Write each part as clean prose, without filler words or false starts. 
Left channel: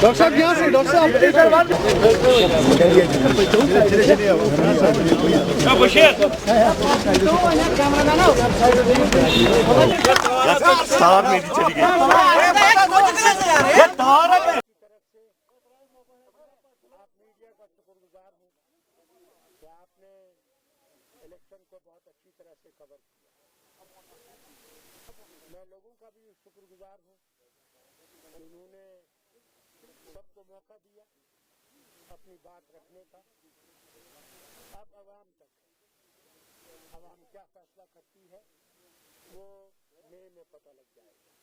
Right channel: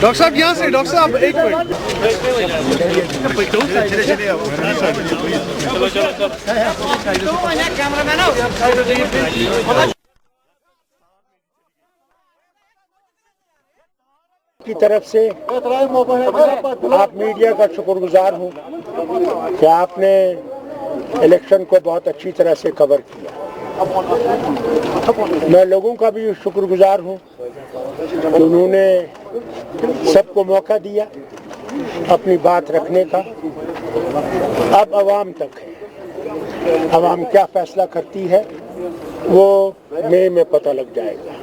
Doctor साहब यहाँ से, डॉक्टर साहब एक की तरफ से आप मीडिया का शुक्रगुजार हूँ कि आपने इलेक्शन को बहुत अच्छी तरह से कवर किया। मैं लोगों का भी शुक्रगुजार हूँ कि उन्होंने सबको मौका दिया अपनी बात रखने का। अब आवाम तक है, आवाम क्या फैसला करती है वो मई में पता लग जाएगा।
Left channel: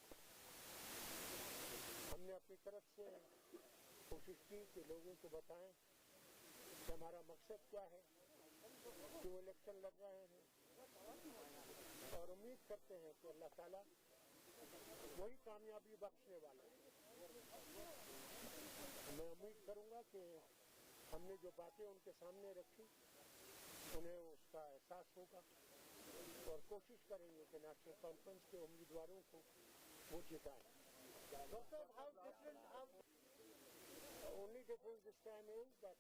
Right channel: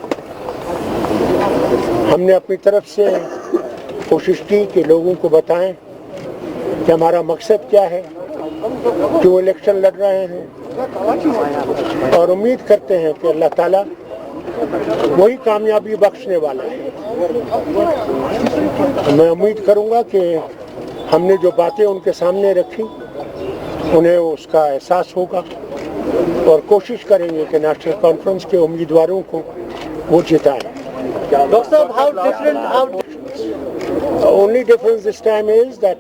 हमने अपनी तरफ से कोशिश की कि लोगों को बताएं कि हमारा मकसद क्या है, क्यों इलेक्शन लड़ रहे हैं, और उम्मीद करते हैं कि अल्लाह ताला वही कामयाबी बख्शने वाला है। मैं उम्मीद करूंगा कि हमने जो बातें उनके सामने रखी उन्हें उसका एहसास होगा और कोशिश करेंगे कि नेशनल कॉन्फ्रेंस के उम्मीदवारों को वो जिताएं। Dr. Saab, how different? The only difference this time is that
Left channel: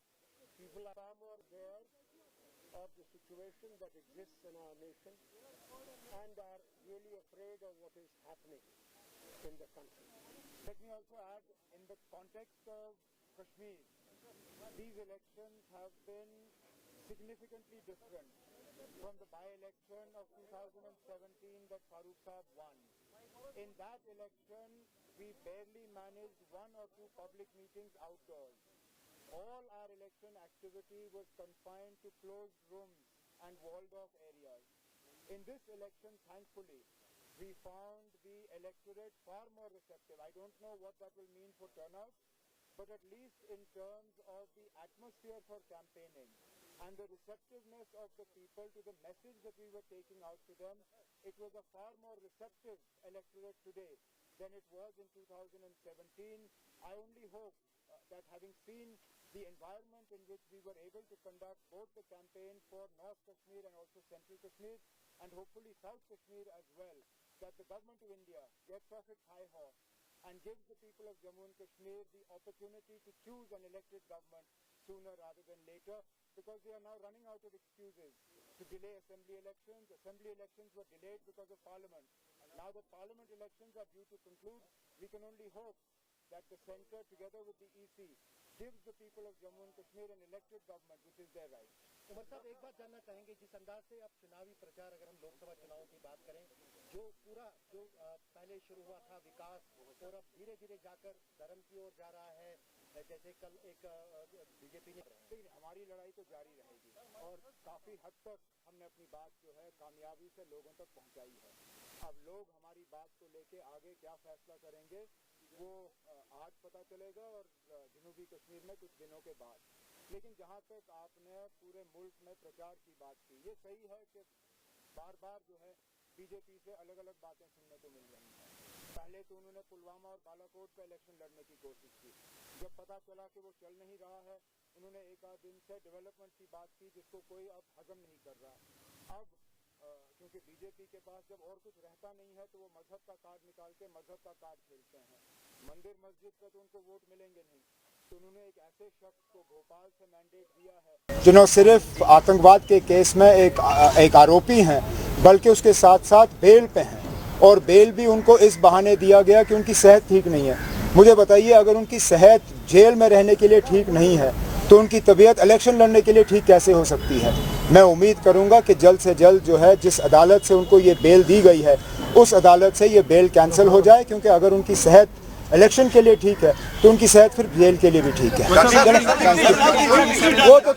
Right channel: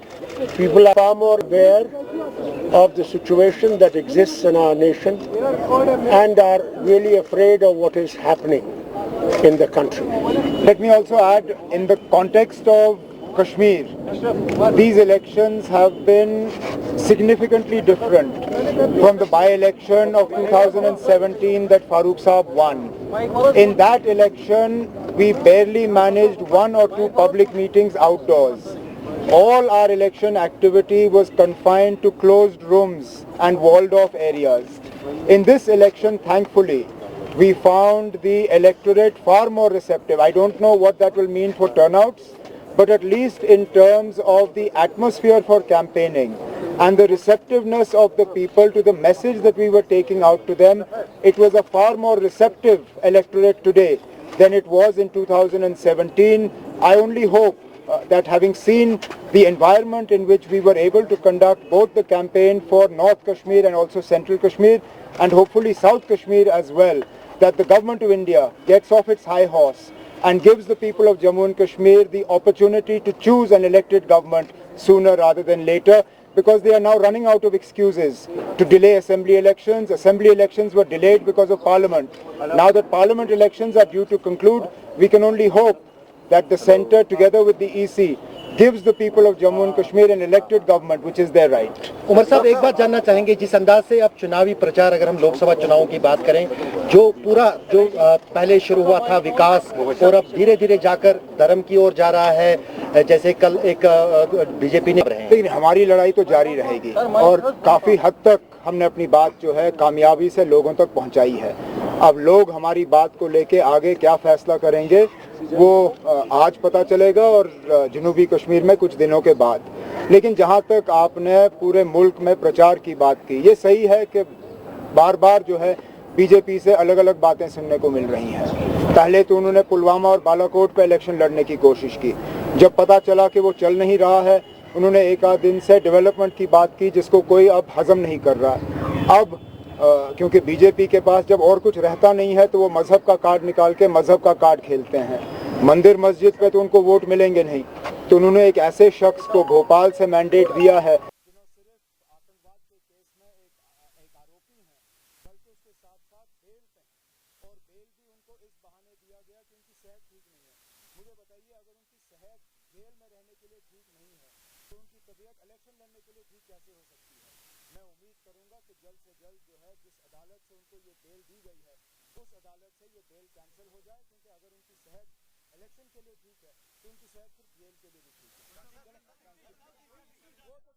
people are far more aware of the situation that exists in our nation and are really afraid of what is happening in the country. Let me also add, in the context of Kashmir, these elections have been significantly different from the by-election of 2017 that Farooq Saab won. In that election, we barely managed 1 or 2 public meetings outdoors. All our election activity was confined to closed rooms and walled off areas. In this election, thankfully, we found the electorate far more receptive. I don't know what that will mean for turnouts, but at least in terms of the atmosphere for campaigning and the receptiveness of the people to the message that we were taking out to them, it was a far more receptive electorate today than it was in 2017. I only hope that having seen the environment in which we were able to conduct both the campaign for North Kashmir and also Central Kashmir and hopefully South Kashmir as well, that the government of India gets off its high horse and gives the people of Jammu and Kashmir the opportunity to choose an elected government sooner rather than later, because they are now running out of excuses to delay assembly elections. Assembly elections were delayed because of Parliament. Now that Parliament elections are due to conclude, we can only hope that the centre, together with the EC, gives the people of Jammu and Kashmir an elected government, which is their right. Umar साहब, एक बात जानना चाहेंगे, जिस अंदाज से अब चुनावी प्रचार, अगर हम लोकसभा चुनावों की बात करें, जो पूरा जो पहले शुरू हुआ था विकास और अब धीरे धीरे जाकर धर्म की ओर जा रहा है, जैसे कल एक बीजेपी ने, लेकिन हमारी लड़ाई तो जारी रहेगी और काफी हद तक हमने अपनी बात जो है कामयाबी से लोगों तक पहुंचाई है। अब लोग हमारी बात को लेके आगे क्या फैसला करेंगे वो आज पता चलेगा और जनूबी कश्मीर में कुछ दिनों के बाद। लेकिन जहां तक आपने पूरे मुल्क में प्रचार की बात की, ये सही है कि बार बार जो है बीजेपी से अलग अलग बातें सुनने को मिल रही हैं। पहले तो उन्होंने पुलवामा और बालाकोट पे इलेक्शन लड़ने की कोशिश की, जब पता चला कि वो चल नहीं रहा है उन्होंने एक आध दिन से डेवलपमेंट की बात की जिसको कोई अब हजम नहीं कर रहा। अब क्योंकि बीजेपी के पास जब और कुछ रहता नहीं है तो वो मजहब का कार्ड निकाल के मजहब का कार्ड खेलते हैं। मंदिर मस्जिद पे तो उनको वोट मिलेंगे नहीं, तो उन्होंने एक ऐसे शख्स को भोपाल से मैंडेट दिया है जिन्होंने सिर्फ आतंकवाद के केस में एक आरोपी हैं, बल्कि उसके साथ साथ बेल पे हैं, और बेल भी उनको इस बहाने दिया गया कि उनकी सेहत ठीक नहीं है। मुझे बताइए, अगर उनकी सेहत जेल में रहने के लिए ठीक नहीं है तो उनकी तबीयत इलेक्शन लड़ने के लिए ठीक कैसे हो सकती है। मैं उम्मीद करूंगा कि जल्द से जल्द जो है जिस अदालत से उनको ये बेल दी गई है उस अदालत से ये बेल कैंसिल हो जाए, क्योंकि अगर उनकी सेहत इलेक्शन के लिए ठीक है तो उनकी सेहत फिर जेल के लिए भी ठीक है। वो तो